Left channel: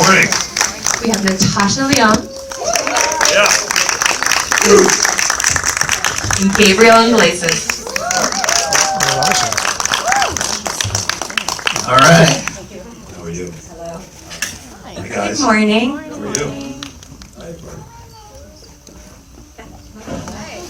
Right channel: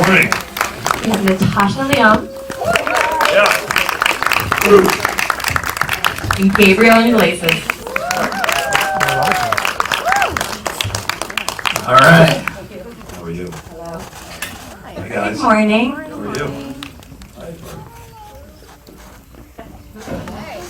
Morning. We have Natasha Lyonne. Yeah. And Gabriel Iglesias. All right. How are you? Hello. Hi, guys. Good morning. How are you?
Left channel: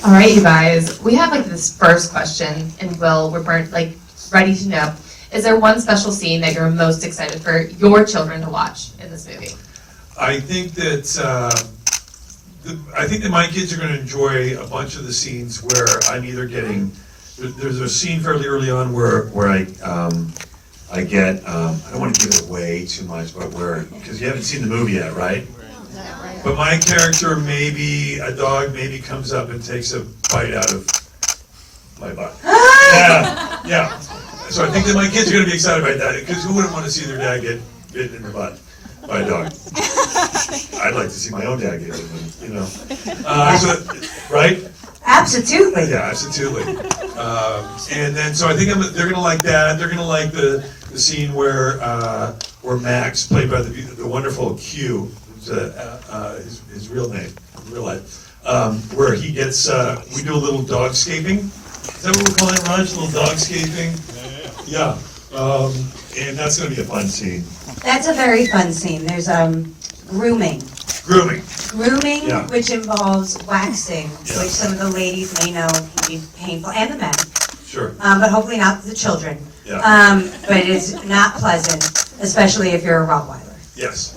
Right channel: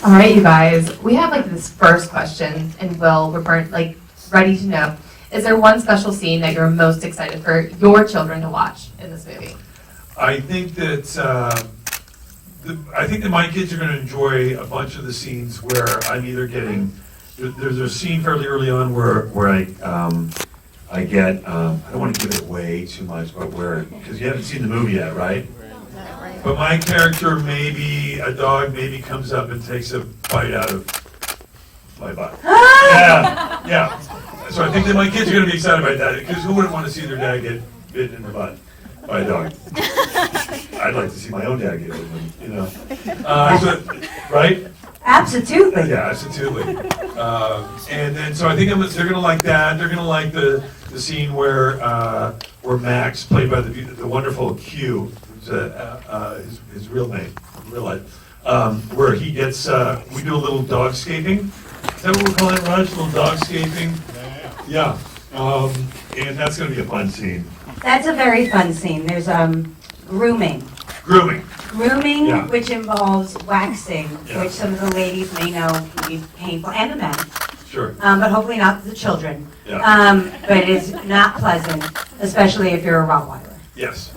All right, you guys. We have like this first question, and Will, we're ready to know. Is there one special scene that you're most excited for your children to watch in this movie? I think that my kids are going to enjoy a bunch of the scenes where I'm either getting. There's a scene fairly early on where I get. I don't want to give it away too much, but because you haven't seen the movie yet, right? But my character, maybe a dog, maybe comes up and takes a bite out of my butt. Yeah. So I think that my kids are going to be excited about that, because who wouldn't want to see their dad get bitten in the butt by a dog? I'd like to see my own dad get bitten, you know. Right? Absolutely. Yeah, absolutely. And then, so I think they're going to like that. They're going to like the scene where Max, played by the wonderful Q, his real name, real life, where he gets, we do a little dogscaping. Is that what we're calling it, Raj? A little dogscaping? Yeah. And that's going to be a fun scene. That's a very fun scene. There's grooming. Grooming. Grooming, Yeah. which involves waxing, Yeah. which some of the ladies may know can be painful, and the men, Sure. but hopefully not the children. Yeah. But it's not pleasant, especially if you're a Rottweiler. Yes.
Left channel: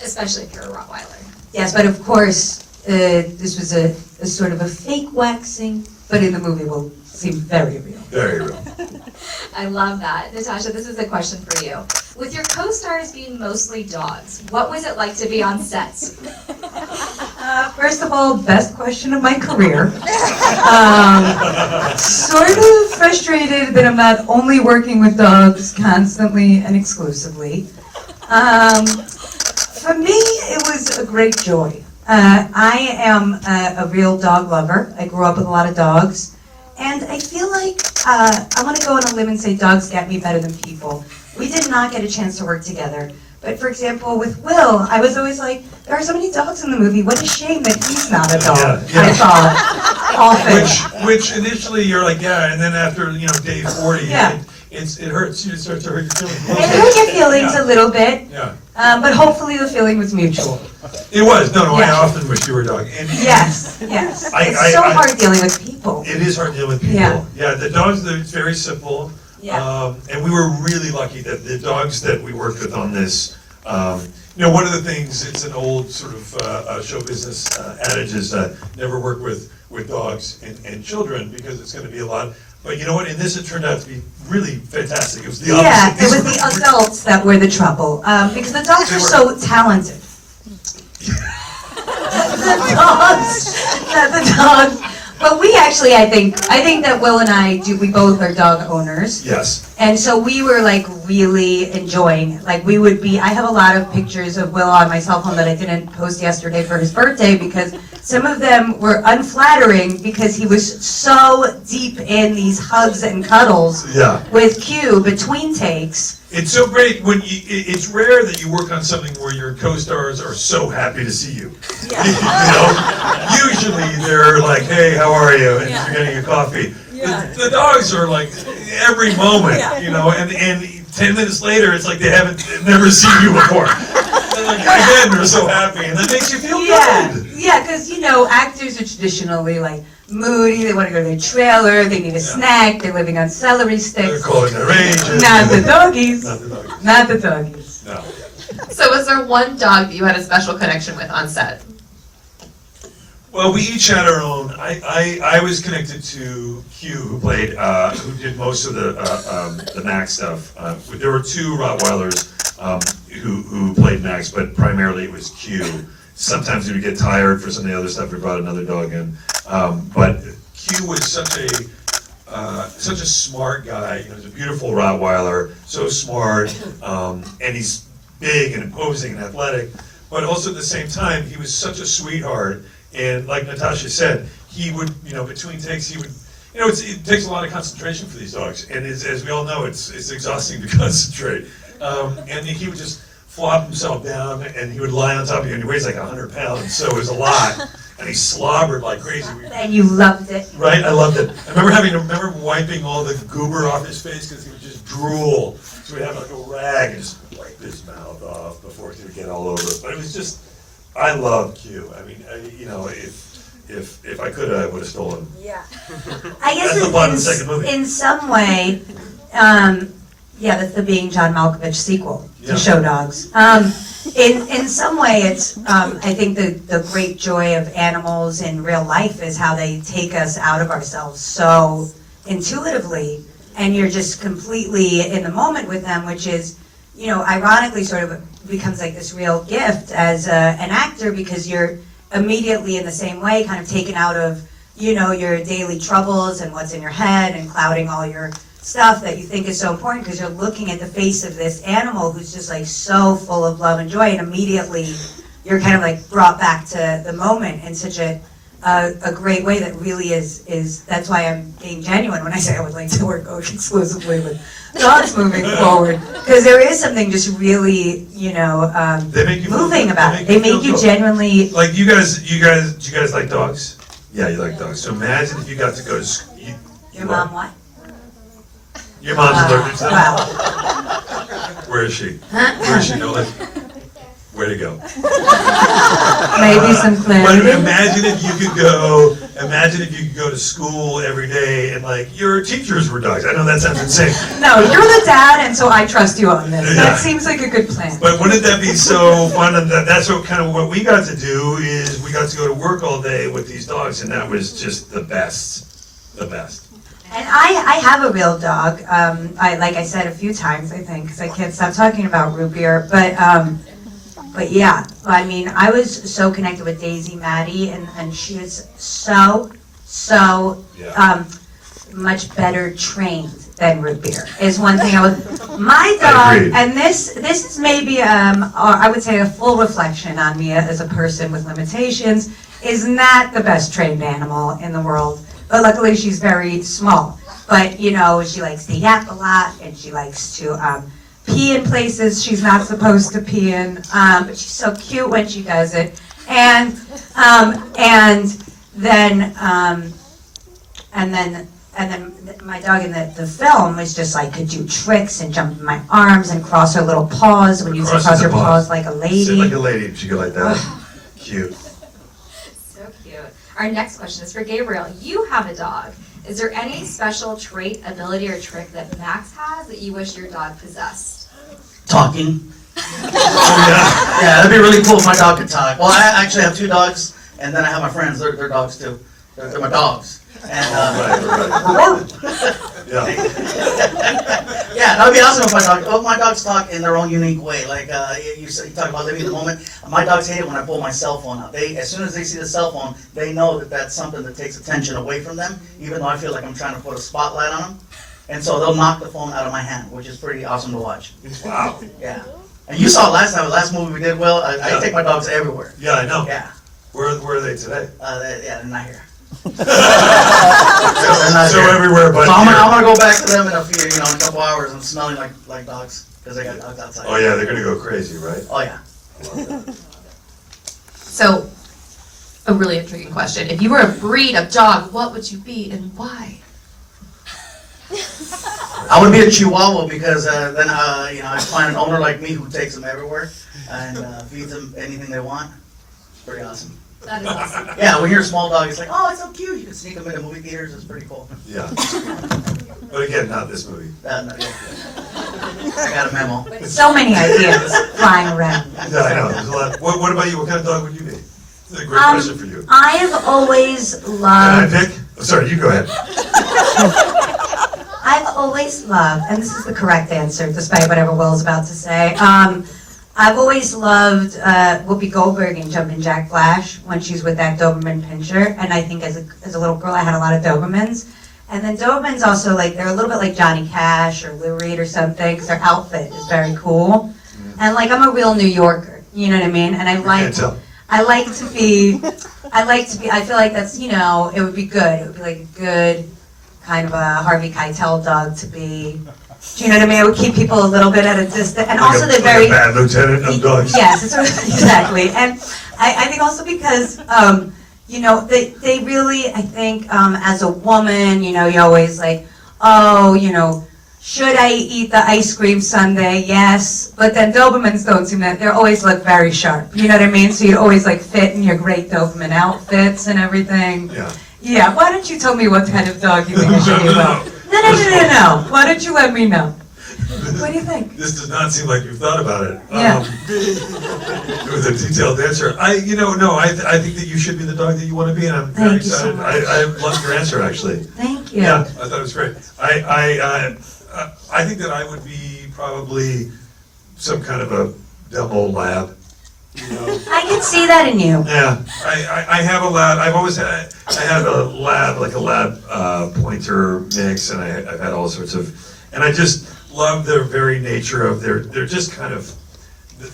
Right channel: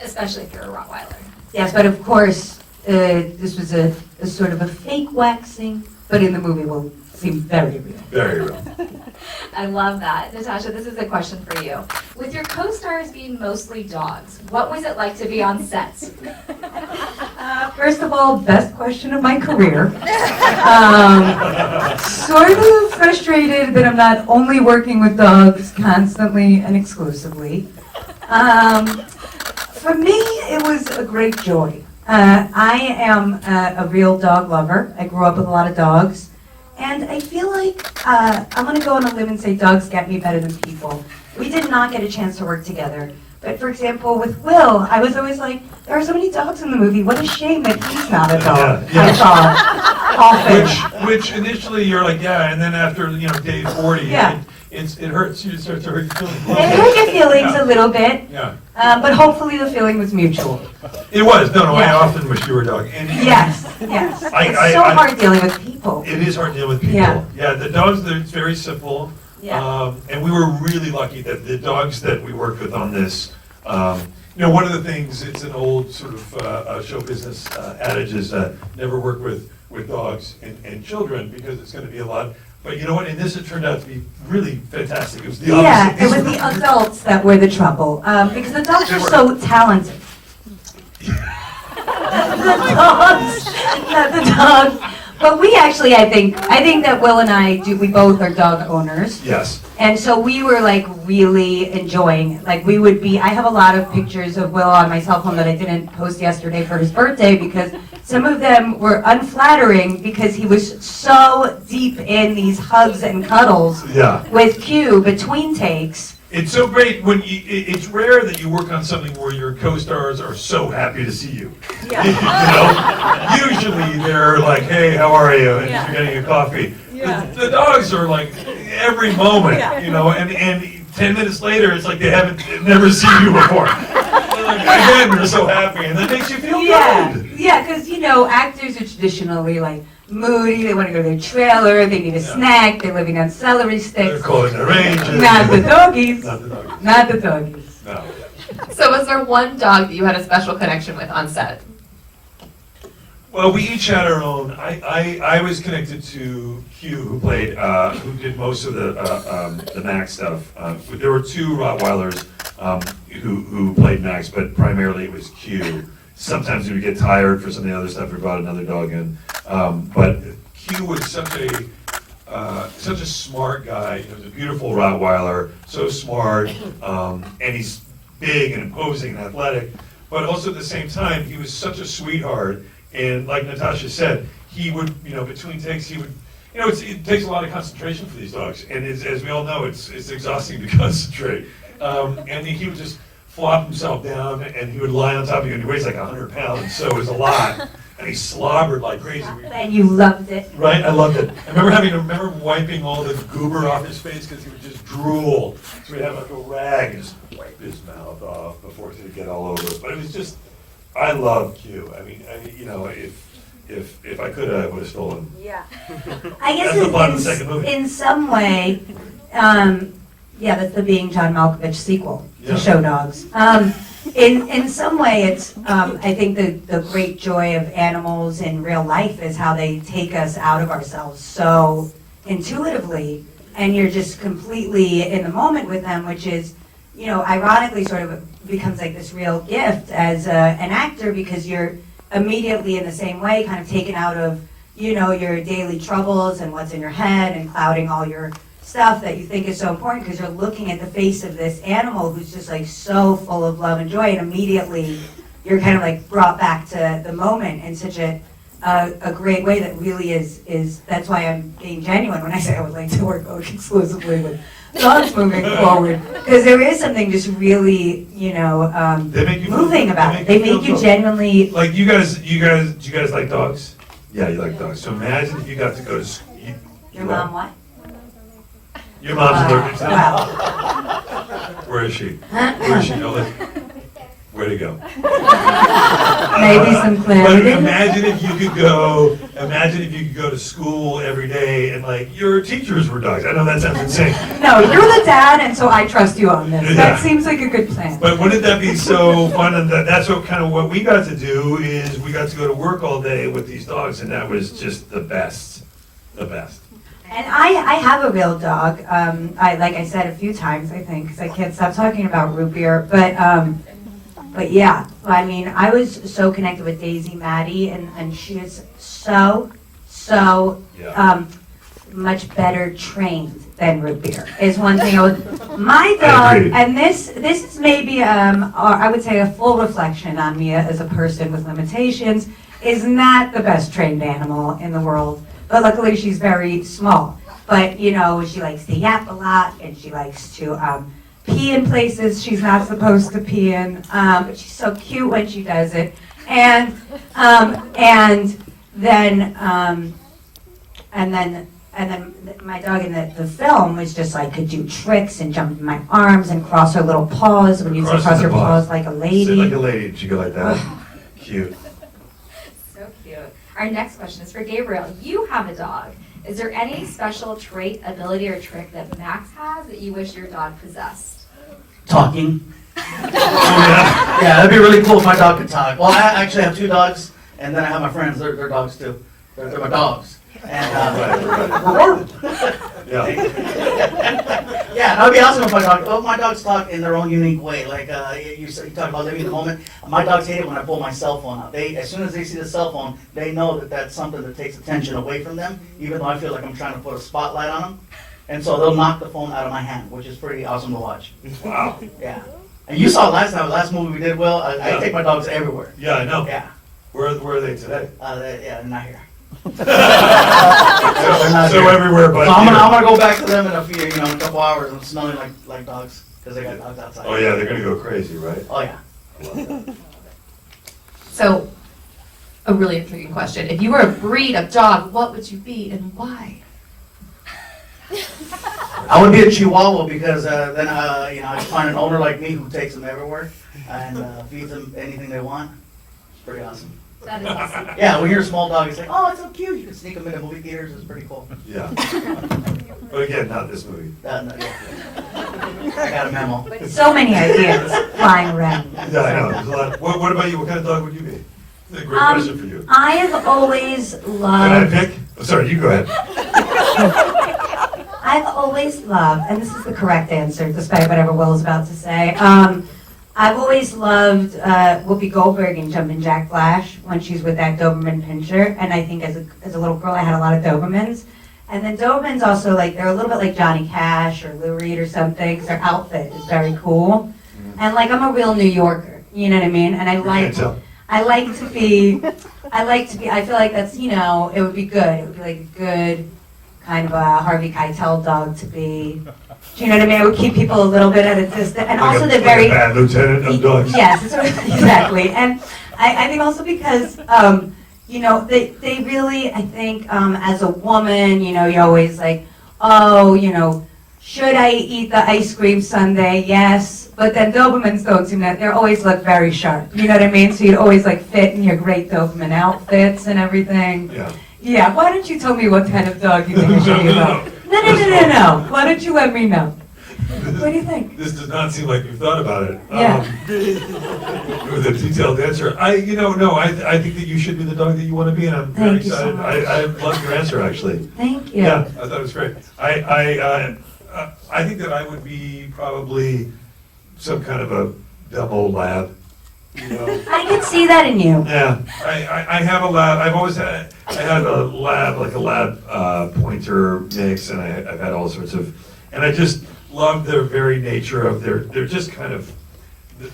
Especially if you're a Rottweiler. Yes, but of course, this was a sort of a fake waxing, but in the movie will seem very real. Very real. I love that. Natasha, this is a question for you. With your co-stars being mostly dogs, what was it like to be on sets? First of all, best question of my career. Sort of frustrated that I'm not only working with dogs constantly and exclusively. For me, it was a great joy. I am a real dog lover. I grew up with a lot of dogs. And I feel like I want to go on a limb and say dogs get me better than people. We did not get a chance to work together. But for example, with Will, I was always like, there are so many dogs in the movie. What a shame that he's not a dog. Yeah. I thought often. Which initially you're like, yeah, and then after, day 40, Yeah. it hurts you, it starts to hurt your feelings. It hurt your feelings a little bit, Yeah. but hopefully the feeling was mutual. It was. No, I Yeah. often wish you were a dog. And Yes. It's so hard dealing with people. It is hard dealing with people. Yeah, the dogs, it's very simple. Yeah. And we were really lucky that the dogs that we worked with on this, one of the things, it's an old sort of show business adage is never work with dogs and children, because it's going to be a lot. But you know what? In this, it turned out to be really fantastic. It was the opposite. Yeah, it was the adults that were the trouble, because the dogs are so talented. the dogs. But we actually, I think that Will and we both are dog owners. Yes. And so we were like really enjoying it. Like I have a lot of pictures of Will on my cell phone that I didn't post yesterday for his birthday, because some of them were unflattering because he was so deep in these hugs and cuddles with Q between takes. It's so great when it's rare that you work on something where your co-stars are so happy to see you. Yeah. Usually they're like, hey, how are you? And you're getting a coffee. Yeah. The dogs are like every moment, and 10 minutes later, it's like they've never seen you before. They're like, again, they're so happy, and that makes you feel good. Yeah, because actors are traditionally like moody, they want to go to their trailer, they need a snack, they're living on celery sticks. They're calling their agent. Not the doggies. Not the doggies. Not the doggies. No. So was there one dog that you had a special connection with on set? Well, we each had our own. I was connected to Hugh, who did most of the Max stuff. There were two Rottweilers who played Max, but primarily it was Q. Sometimes we would get tired for some of the other stuff. We brought another dog in, but Q was such a smart guy. He was a beautiful Rottweiler, so smart, and he's big and imposing and athletic. But also at the same time, he was such a sweetheart. And like Natasha said, he would, between takes, he would, it takes a lot of concentration for these dogs. And as we all know, it's exhausting to concentrate. And he would just flop himself down, and he would lie on top of you, and he weighs like 100 pounds, so it was a lot. And he slobbered like crazy. And you loved it. Right, I loved it. I remember wiping all the goober off his face because he would just drool. So we'd have like a rag and just wipe his mouth off before he could get all over it. But it was just, I love Q. I mean, if I could, I would have stolen him. Yeah. I guess That's the plot of the second movie. in some way, yeah, that's the Being John Malkovich sequel to Yeah. Show Dogs. In some way, it's I think the great joy of animals in real life is how they take us out of ourselves so intuitively, and you're just completely in the moment with them, which is, you know, ironically sort of becomes like this real gift as an actor, because you're immediately in the same way kind of taken out of, you know, your daily troubles and what's in your head and clouding all your stuff that you think is so important, because you're looking at the face of this animal who's just like so full of love and joy, and immediately you're kind of like brought back to the moment in such a great way that really is that's why I'm being genuine when I say I would like to work exclusively with dogs moving forward, because there is something just really, you know, They make you feel moving good. about it. They make you feel good. genuinely. Like do you guys like dogs? Yeah, you like dogs. So imagine if you got to go to school. Your mom what? Your mom's allergic to them? Wow. Where is she? Where is she? No, where to go? Maybe some But clarity. imagine if you could go to school every day and like your teachers were dogs. I know that sounds insane. No, you're the dad, and so I trust you on this. Yeah. That seems like a good plan. But wouldn't that be so fun? And that's what kind of what we got to do is we got to go to work all day with these dogs, and that was just the best, the best. And I have a real dog. Like I said a few times, I think, because I can't stop talking about root beer. But yeah, I mean, I was so connected with Daisy Maddie, and she is so Yeah. much better trained than root beer. Is one thing my I dog, agree. and this is maybe or I would say a full reflection on me as a person with limitations, is not the best trained animal in the world. But luckily she's very small. But you know, she likes to yap a lot, and she likes to pee in places she's not supposed to pee in. But she's so cute when she does it. And then my dog in the film was just like could do tricks and jump in my arms and cross her little paws when you say Crossing cross the your paws like a Sit lady. like a lady, and she go like that. Cute. So cute. Our next question is for Gabriel. You have a dog. Is there any special trait, ability, or trick that Max has that you wish your dog possessed? Talking. Oh yeah. Yeah, that'd be really cool if my dog could talk. Well, I actually have 2 dogs, and then I have my friends. They're dogs too. They're my dogs. And Right. Yeah. yeah, that would be awesome if my dogs talk in their own unique way. Like you talk about living in the moment. My dogs hate it when I pull my cell phone out. As soon as they see the cell phone, they know that that's something that takes attention away from them, even though I feel like I'm trying to put a spotlight on them. And so they'll knock the phone out of my hand, which is pretty awesome to watch. Wow. Yeah. And you saw last movie we did, Will. I Yeah. take my dogs everywhere. Yeah, I know. Yeah. Where are they today? They're not here. So everywhere but So I'm here. gonna go back to them in a couple hours. I'm smelling like dogs because they got dogs outside. Oh yeah, they're gonna go crazy, right? Oh yeah. I love that. So, a really intriguing question. If you were a breed of dog, what would you be and why? I would be a Chihuahua because then I find an owner like me who takes them everywhere and feeds them anything they want. It's pretty awesome. That is awesome. Yeah, when you're a small dog, it's like, oh, it's so cute. You can sneak them into movie theaters. It's pretty cool. Yeah. But again, not this movie. No, yeah. I got a memo. So many ideas flying around. Yeah, I know. There's a lot. What about you? What kind of dog would you be? This is a great question for you. I have always Can I loved. pick? Oh, sorry, you go ahead. I've always loved, and this is the correct answer, despite whatever Will's about to say. I've always loved Whoopi Goldberg in Jumpin' Jack Flash when she's with that Doberman Pinscher. And I think as a little girl, I had a lot of Dobermans. And then Dobermans also, like, they're a little bit like Johnny Cash or Lou Reed or something, because their outfit is very cool. And, like, I'm a real New Yorker, you know what I mean? And I Can't tell. like to be, I feel like that's, it would be good. It would be like a good kind of a Harvey Keitel dog to be. Do you know what I mean? I would keep people a little bit at a distance, and also they're like very a bad lieutenant of dogs. Yes, exactly. And I think also because, you know, they really, I think, as a woman, you know, you're always like, oh, you know, should I eat the ice cream sundae? Yes. But then Dobermans don't seem that, they always look very sharp. You know what I mean? So you'd always like fit in your great Doberman outfits and everything. Yeah. Yeah, why don't you tell me what kind of dog you think I should be about? No. Why don't you let me know? What do you think? This does not seem like you've thought about it. Yeah. With a detailed answer. I think that you should be the dog that you want to be, and I'm very Thank you so excited. much. I love your answer, actually. Thank you. Yeah, I thought it was great. I think that I would be probably some kind of a demo lab. You know? I can see that in you. Yeah, I have a lab. I've always had. I had a lab, like a lab pointer mix, and I've had all sorts of. And I just love their very nature of they're just kind of.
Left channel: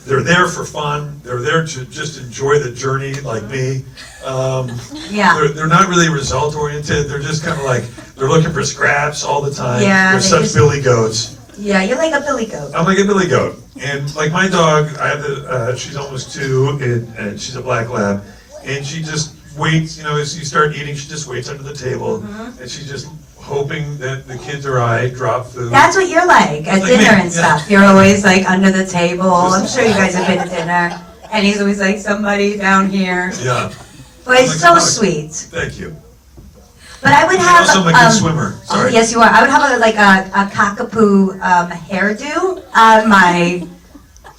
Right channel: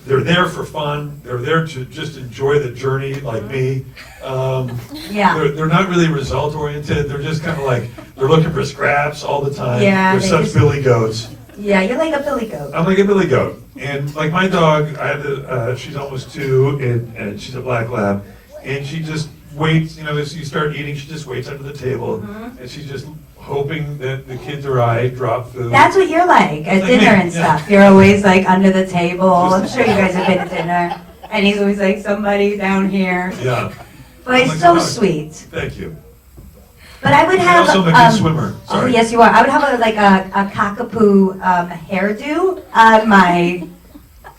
They're there for fun. They're there to just enjoy the journey, like me. Yeah. They're not really result oriented. They're just kind of like they're looking for scraps all the time. Yeah, They're they such just- billy goats. Yeah, you're like a billy goat. I'm like a billy goat, and like my dog, I have she's almost 2, and she's a black lab, and she just waits. You know, as you start eating, she just waits under the table, and she's just hoping that the kids or I drop food. That's what you're like at Like me, dinner and yeah. stuff. You're always like under the table. I'm sure you guys have been to dinner. And he's always like, somebody down here. Yeah, But it's Like so a dog. sweet. thank you. But I would You're have. also a good swimmer. Oh, Sorry. yes, you are. I would have a cockapoo hairdo on my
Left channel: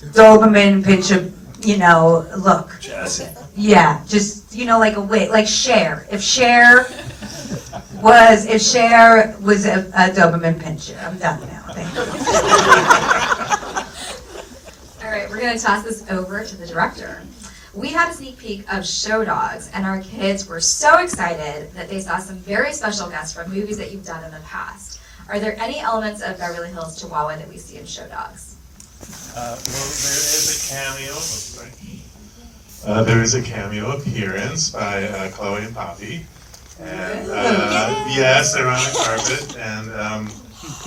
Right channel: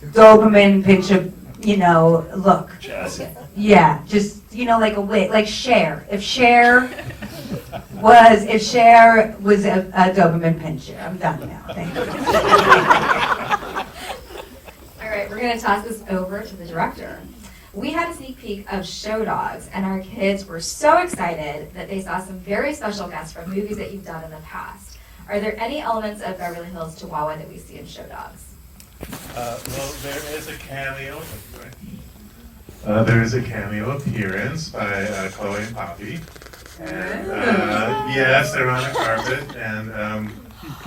Doberman pinscher, you know, look. Jazzy. Yeah, just, you know, like a wig, like Cher. If Cher was a Doberman pinscher. I'm done now. Thank you. All right, we're gonna toss this over to the director. We had a sneak peek of Show Dogs, and our kids were so excited that they saw some very special guests from movies that you've done in the past. Are there any elements of Beverly Hills Chihuahua that we see in Show Dogs? Well, there is a cameo. There is a cameo appearance by Chloe and Poppy, and yes, they're on a carpet, and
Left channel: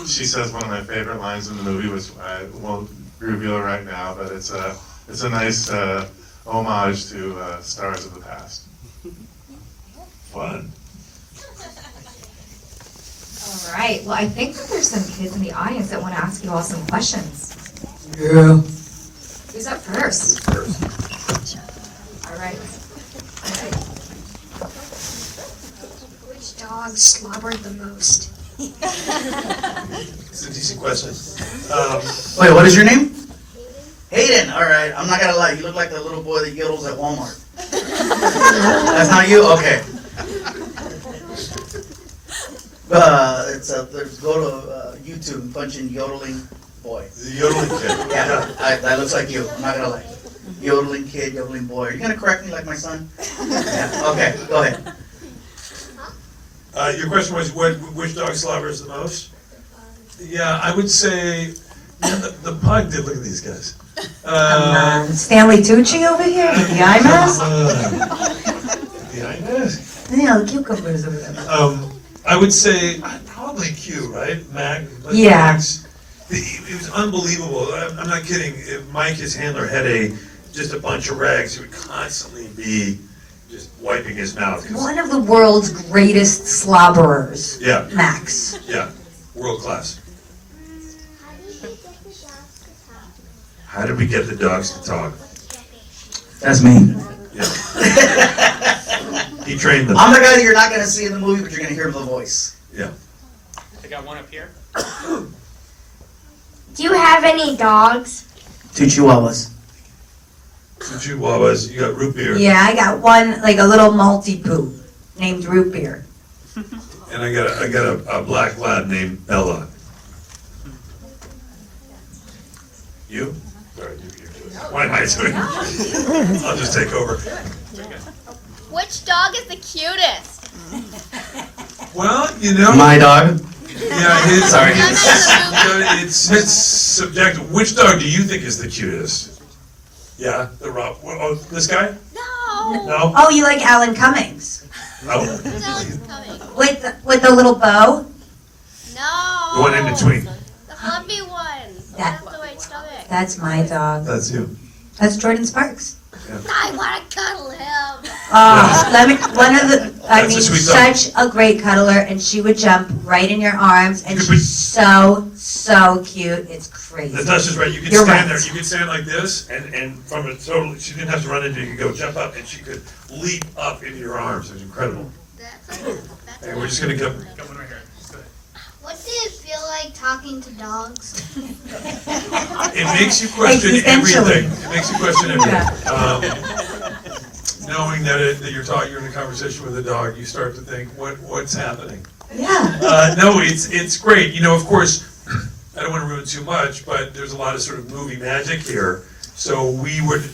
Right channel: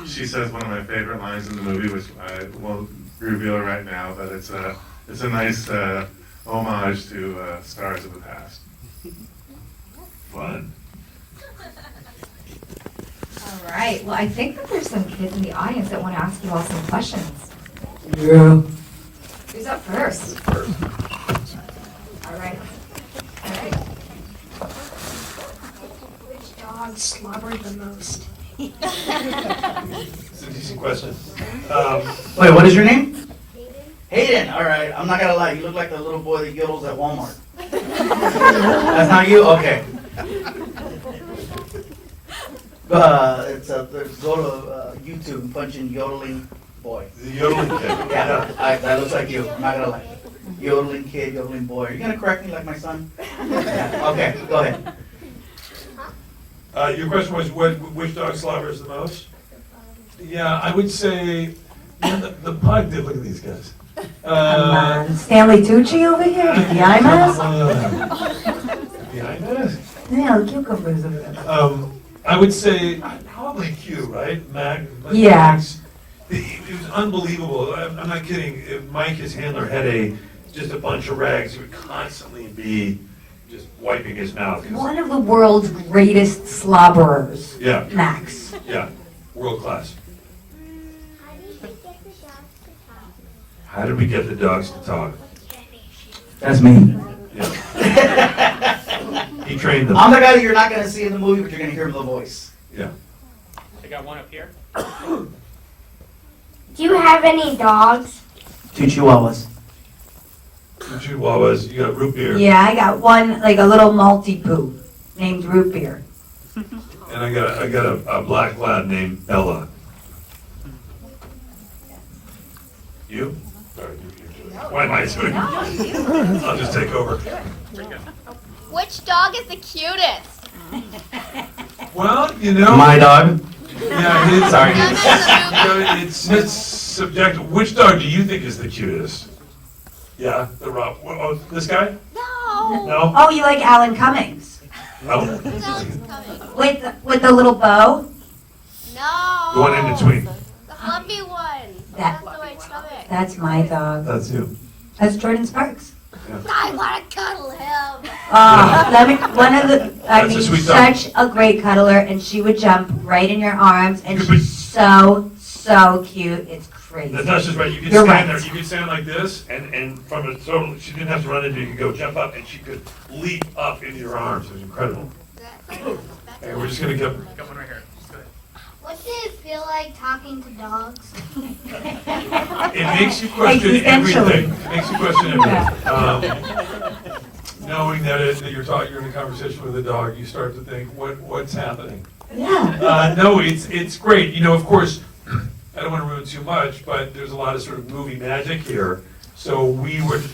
she says one of my favorite lines in the movie, which I won't reveal right now, but it's a nice homage to stars of the past. Fun. All right, well, I think that there's some kids in the audience that want to ask you all some questions. Yeah. Who's up first? All right. Okay. Which dog slobbered the most? It's a decent question. Wait, what is your name? Hayden. All right. I'm not gonna lie. You look like the little boy that yodels at Walmart. That's not you. Okay. Go to YouTube and punch in yodeling boy. The yodeling kid. Yeah, that looks like you. I'm not gonna lie. Yodeling kid, yodeling boy. Are you gonna correct me like my son? Yeah. Okay. Go ahead. Your question was which dog slobbers the most? Yeah, I would say the pug did. Look at these guys. Stanley Tucci over here with the eye mask? The eye mask? Yeah, the cucumbers over there. I would say probably Q, right? Mac. Yeah. Max. It was unbelievable. I'm not kidding. If Mike, his handler, had just a bunch of rags, he would constantly be just wiping his mouth. 'Cause- One of the world's greatest slobberers, Yeah, Max. yeah, world class. How did we get the dogs to talk? That's me. Yeah. He trained them. I'm the guy that you're not gonna see in the movie, but you're gonna hear the voice. Yeah. I got one up here. Do you have any dogs? 2 chihuahuas. Two chihuahuas. You got root beer. Yeah, I got one, like a little Maltipoo named Root Beer. And I got a black lab named Bella. You? Sorry, you do it. Why am I doing it? I'll just take over. Which dog is the cutest? Well, you know. My dog. Yeah, it's, Sorry. it's subjective. Which dog do you think is the cutest? Yeah, the Rob. Oh, this guy? No. No. Oh, you like Alan Cummings? Oh. No, it's coming. With the little bow? No. The one in between. The That's my dog. That's you. That's Jordan Sparks. I want to cuddle him. I That's a mean, sweet dog. such a great cuddler, and she would jump right in your arms, and You could she's so cute. It's crazy. Natasha's right. You could You're stand right. there. You could stand like this, and from a total, she didn't have to run into you. You could go jump up, and she could leap up into your arms. It was incredible. And we're just gonna go. Got one right here. Just go ahead. What did it feel like talking to dogs? It makes you question Existentially. everything. It makes you question everything. Knowing that you're in a conversation with a dog, you start to think, what's happening? Yeah. No, it's great. You know, of course, I don't want to ruin too much, but there's a lot of sort of movie magic here. So we would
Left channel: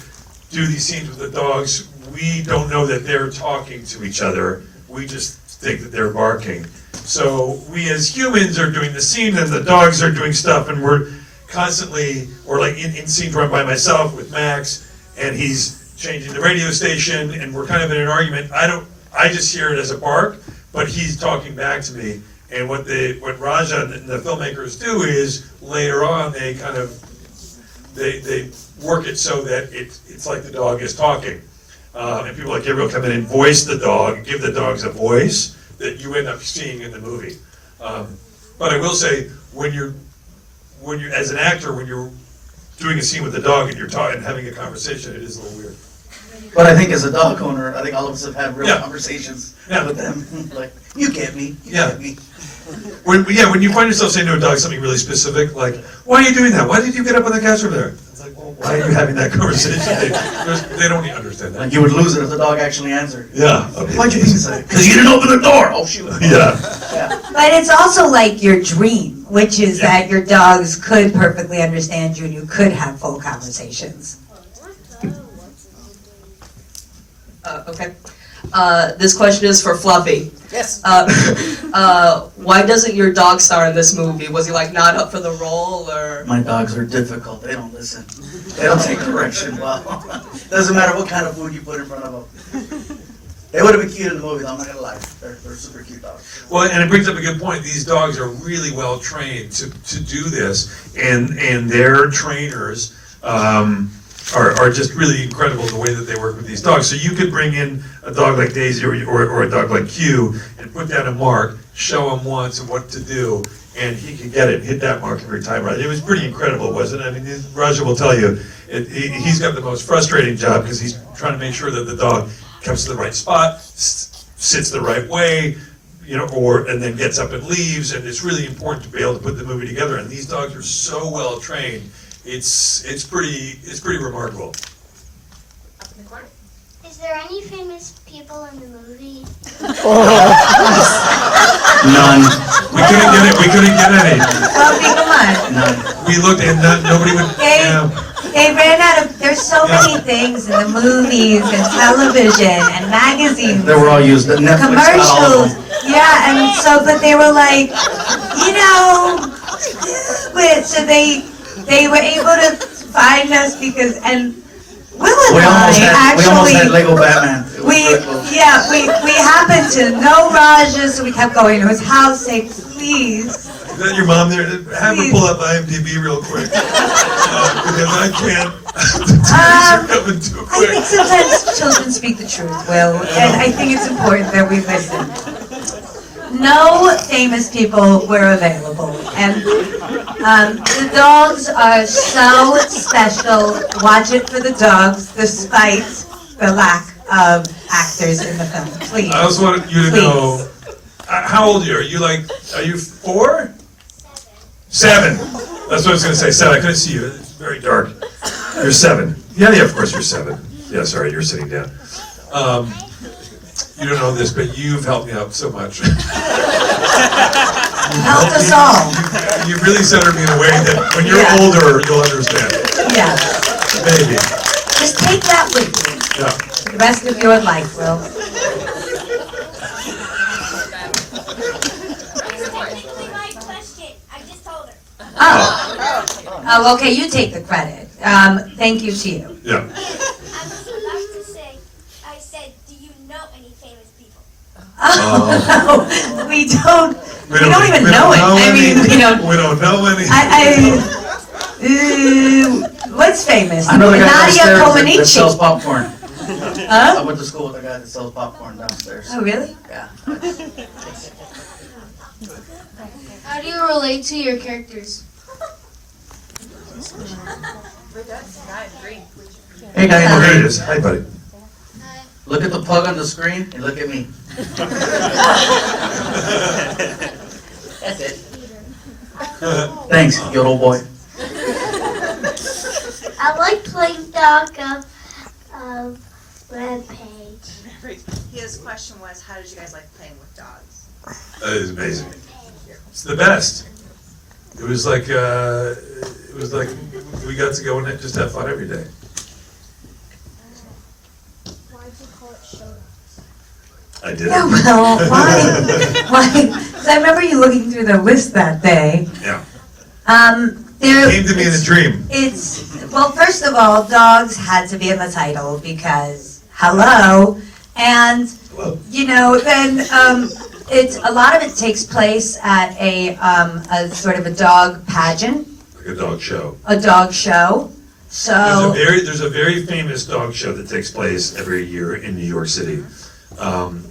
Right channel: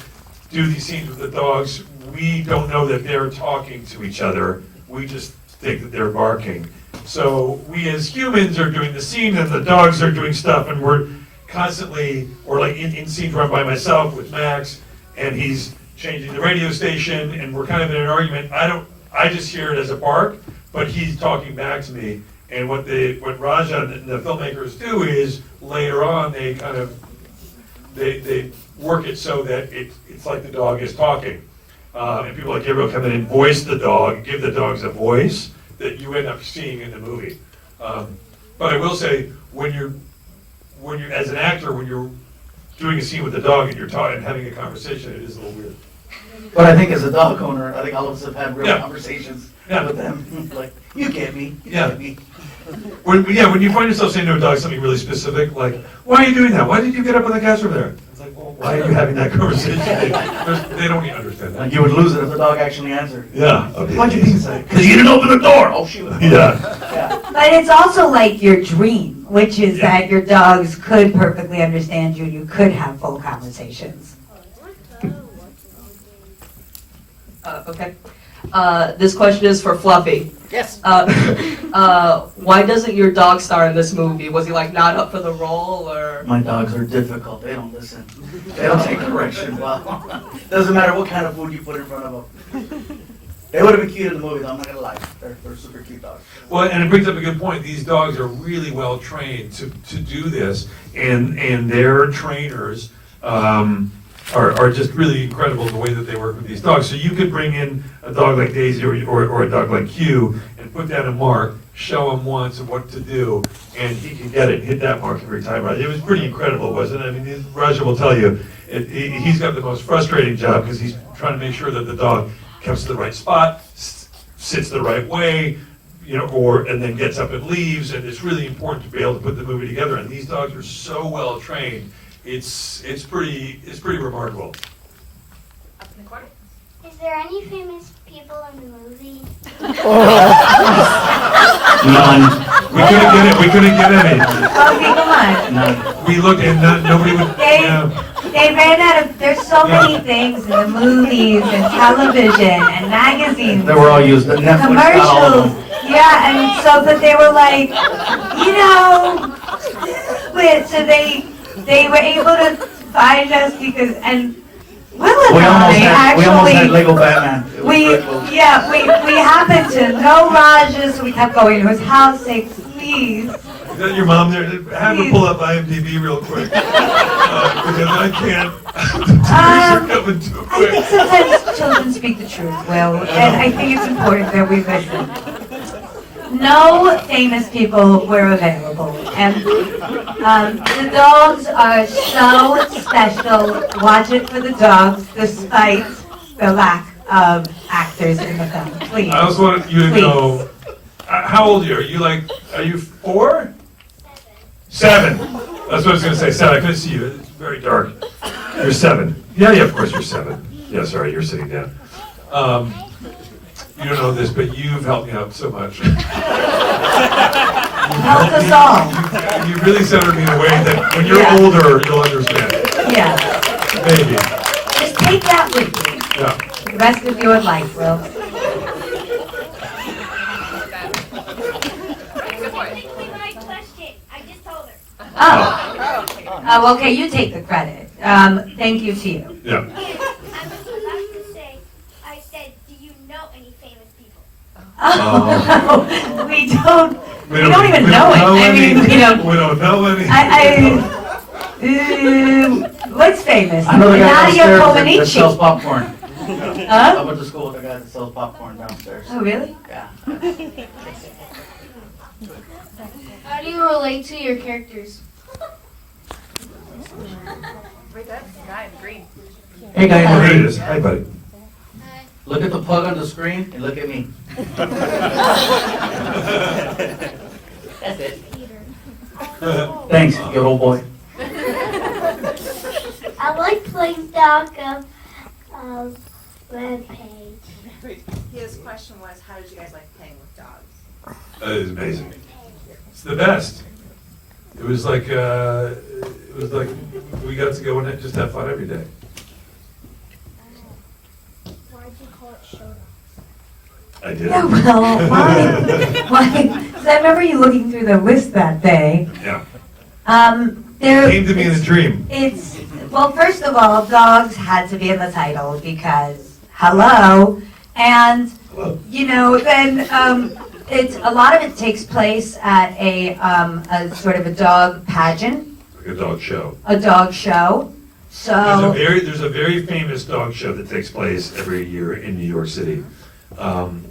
do these scenes with the dogs. We don't know that they're talking to each other. We just think that they're barking. So we as humans are doing the scene, and the dogs are doing stuff, and we're constantly, or like in scenes run by myself with Max, and he's changing the radio station, and we're kind of in an argument. I just hear it as a bark, but he's talking back to me. And what Raja and the filmmakers do is later on they kind of they work it so that it's like the dog is talking. And people like Gabriel come in and voice the dog, give the dogs a voice that you end up seeing in the movie. But I will say, when you're as an actor, when you're doing a scene with the dog and you're talking and having a conversation, it is a little weird. But I think as a dog owner, I think all of us have had real Yeah. conversations Yeah. with them. Like, you get me. You Yeah. get me. When you find yourself saying to a dog something really specific, like, why are you doing that? Why did you get up on the couch over there? It's like, well, why are you having that conversation? They don't even understand that. Like, you would lose it if the dog actually answered. Yeah. Why'd you say? Because you didn't open the door. Oh, shoot. Yeah. Yeah. But it's also like your dream, which is that your dogs could perfectly understand you and you could have full conversations. Okay. This question is for Fluffy. Yes. Why doesn't your dog star in this movie? Was he like not up for the role, or? My dogs are difficult. They don't listen. They don't take direction well. Doesn't matter what kind of food you put in front of them. They would have been cute in the movie, though. I'm not gonna lie. They're super cute dogs. Well, and it brings up a good point. These dogs are really well trained to do this, and their trainers are just really incredible the way that they work with these dogs. So you could bring in a dog like Daisy or a dog like Q and put down a mark, show him once what to do, and he can get it, hit that mark every time. Right? It was pretty incredible, wasn't it? I mean, Raja will tell you, he's got the most frustrating job because he's trying to make sure that the dog comes to the right spot, sits the right way, and then gets up and leaves. And it's really important to be able to put the movie together. And these dogs are so well trained. It's pretty remarkable. Is there any famous people in the movie? None. We couldn't get any. Fluffy, come on. None. We looked and nobody would. They ran out of, there's so many things in the movies and television and magazines. They were all used. Netflix got all of Commercials. them. Yeah, and so, but they were like, so they were able to find us because, and Will and We almost I had Lego Batman. It was pretty cool. we happened to know Raja, so we kept going to his house, say, please. Is that your mom there? Have her pull up IMDb real quick. Because I can't. The tears are coming too I think quick. sometimes children speak the truth, Will, and I think it's important that we listen. No famous people were available, and the dogs are so special. Watch it for the dogs, despite the lack of actors in the film. Please. I also wanted you to know, how old are you? Are you 4? 7. That's what I was going to say. 7. I couldn't see you. It's very dark. You're 7. Yeah, of course you're 7. Yeah, sorry, you're sitting down. You don't know this, but you've helped me out so much. Helped us all. You really centered me in a way that when you're older, you'll understand. Yeah. Maybe. Just take that with you Yeah. for the rest of your life, Will. Technically my question. I just told her. Oh, okay, you take the credit. Thank you to you. Yeah. I was about to say, I said, do you know any famous people? Oh, we don't even we know don't it. I mean, any- we don't. We don't know any. What's famous? I know the guy Nadia downstairs that sells Comaneci. popcorn. Huh? I went to school with a guy that sells popcorn downstairs. Oh, really? Yeah. How do you relate to your characters? Hey, Oh, here it guy, is. Hi, buddy. look at the pug on the screen and look at me. That's it. Thanks, you old boy. I like playing dog of webpage. His question was, how did you guys like playing with dogs? That is amazing. It's the best. It was like we got to go and just have fun every day. Why'd you call it show? I did. Yeah, well, why? Why? Because I remember you looking through the list that day. Yeah. There. Came to me in a dream. It's, well, first of all, dogs had to be in the title because, hello, and, Hello. you know, then, a lot of it takes place at a sort of a dog pageant, Like a dog show. a dog show, so. There's a very famous dog show that takes place every year in New York City. And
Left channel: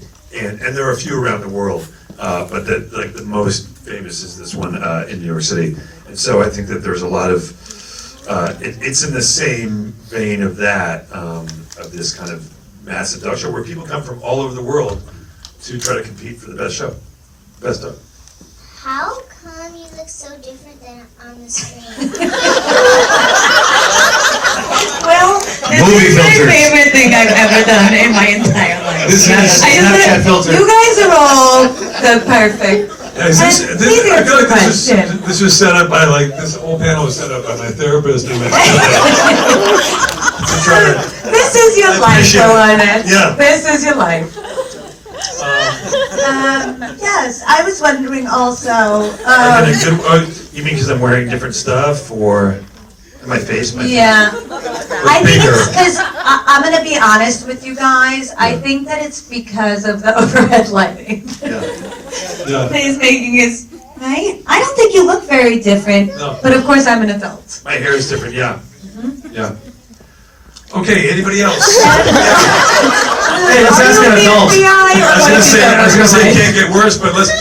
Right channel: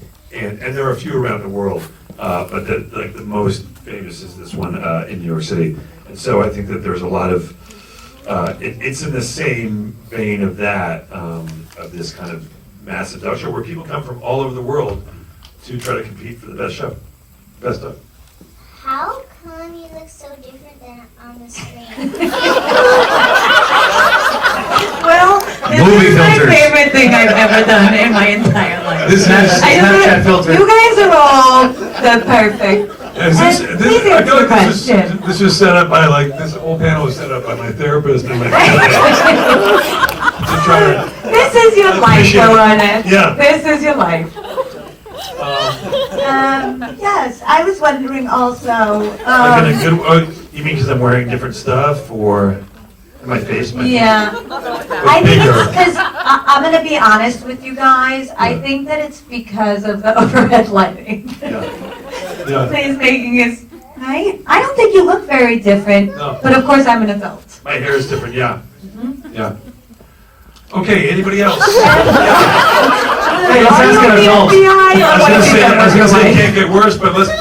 there are a few around the world, but the most famous is this one in New York City. And so I think that there's a lot of, it's in the same vein of that, of this kind of massive dog show where people come from all over the world to try to compete for the best show, best dog. How come you look so different than on the screen? Well, Movie this is my filters. favorite thing I've ever done in my entire life. This is, I just, you guys are all the perfect. Please I answer feel the like this question. was set up by this whole panel was set up by my therapist and my to try to, This is your life, appreciate it. Will Arnett. Yeah. This is your life. Yes, I was wondering also, like in a good, you mean because I'm wearing different stuff or my face? yeah. was I think bigger. it's because, I'm gonna be honest with you guys, I think that it's because of the overhead lighting. Yeah. He's making his, right? I don't think you look very different, No. but of course I'm an adult. My hair is different, yeah. Yeah. Okay, anybody else? Hey, let's Are ask you an the adult. FBI or I what was have you done? gonna say it can't get worse, but let's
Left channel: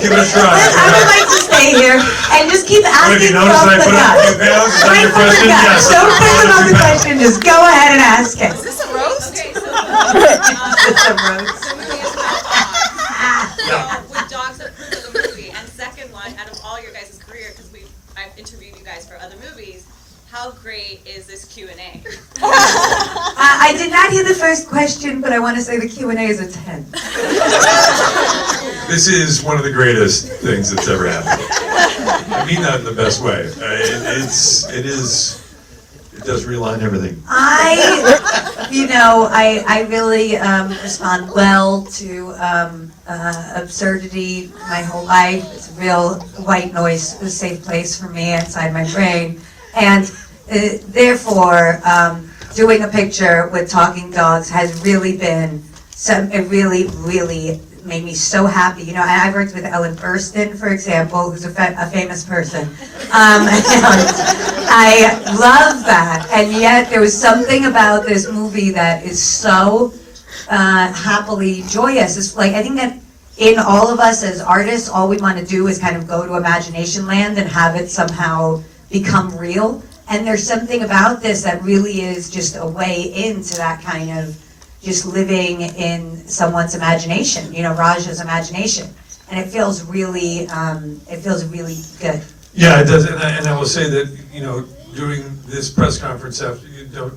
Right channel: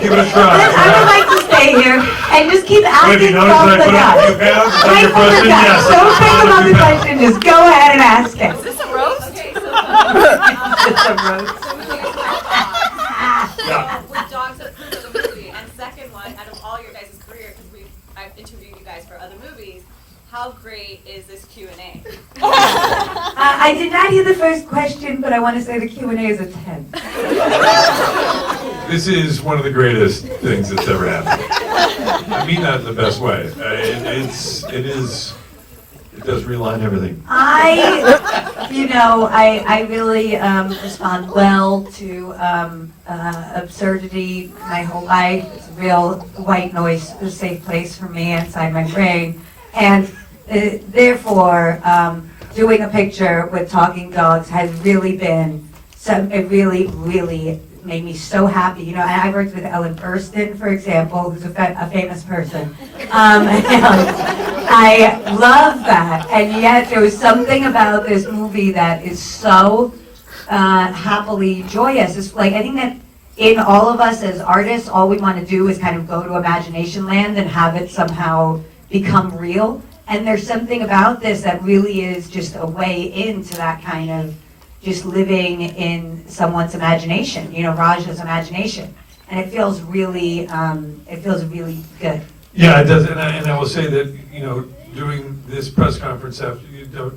give it a try. I would like to stay here and just keep Have asking you noticed from that I the put up a few gut. pounds? Is that Right your from the question? gut. Yes. Don't think about the question, just go ahead and ask it. Is this a roast? It's a roast. Yeah. With dogs that approve of the movie, and second one, out of all your guys' career, because I've interviewed you guys for other movies, how great is this Q&A? I did not hear the first question, but I want to say the Q&A is a 10. This is one of the greatest things that's ever happened. I mean that in the best way. It does realign everything. I really respond well to absurdity my whole life. It's a real white noise, a safe place for me inside my brain. And therefore, doing a picture with talking dogs has really been, it really, really made me so happy. You know, and I worked with Ellen Burstyn, for example, who's a famous person. And I love that. And yet there was something about this movie that is so happily joyous. It's like, I think that in all of us as artists, all we want to do is kind of go to imagination land and have it somehow become real. And there's something about this that really is just a way into that kind of just living in someone's imagination, you know, Raja's imagination. And it feels really good. Yeah, it does, and I will say that, you know, doing this press conference after,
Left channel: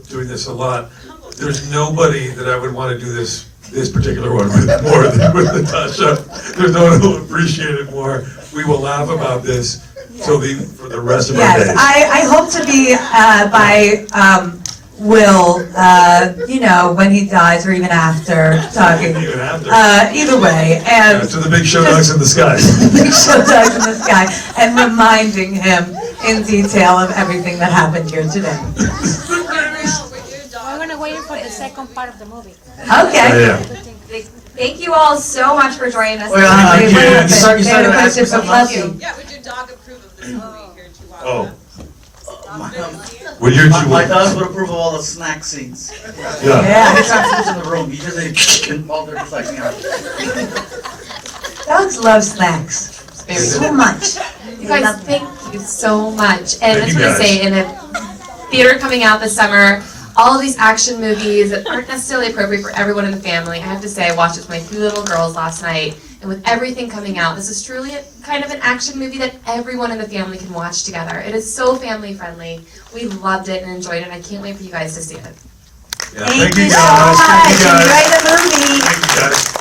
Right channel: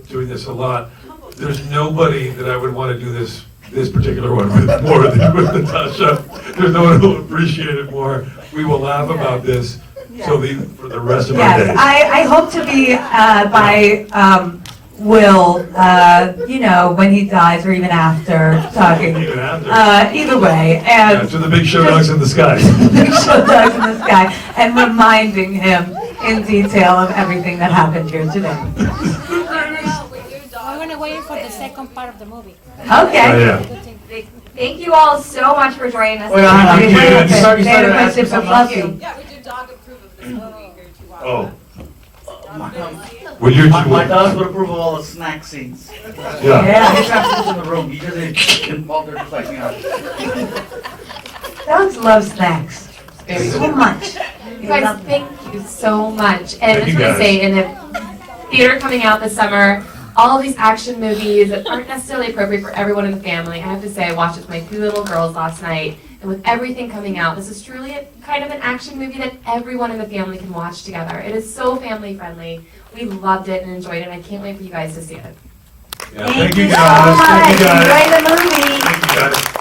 doing this a lot, there's nobody that I would want to do this particular one with more than with Natasha. There's no one who will appreciate it more. We will laugh about this for the rest of our days. Yes, I hope to be by Will, when he dies or even after, talking. Even after. Either way, and To the big show dogs in the sky. big show dogs in the sky, and reminding him in detail of everything that happened here today. I'm gonna wait for the second part of the movie. Okay. Yeah. Thank you all so much for joining us. Wait, hang on. Thank you. You started They had a to ask question me from something else? Fluffy. Yeah, would your dog approve of this movie here to watch? Oh. My- Would your My dogs would approve of all the snack scenes. Yeah. Yeah, his snack scenes in the room. He just ate while they're just like, you know. Dogs love snacks Very so much. You guys, thank you so much. And I Thank just you, want to guys. say, in the theater coming out this summer, all of these action movies that aren't necessarily appropriate for everyone in the family. I have to say, I watched it with my 2 little girls last night, and with everything coming out, this is truly kind of an action movie that everyone in the family can watch together. It is so family friendly. We loved it and enjoyed it, and I can't wait for you guys to see it. Yeah, thank you guys. Thank you guys. Enjoy the movie. Thank you guys.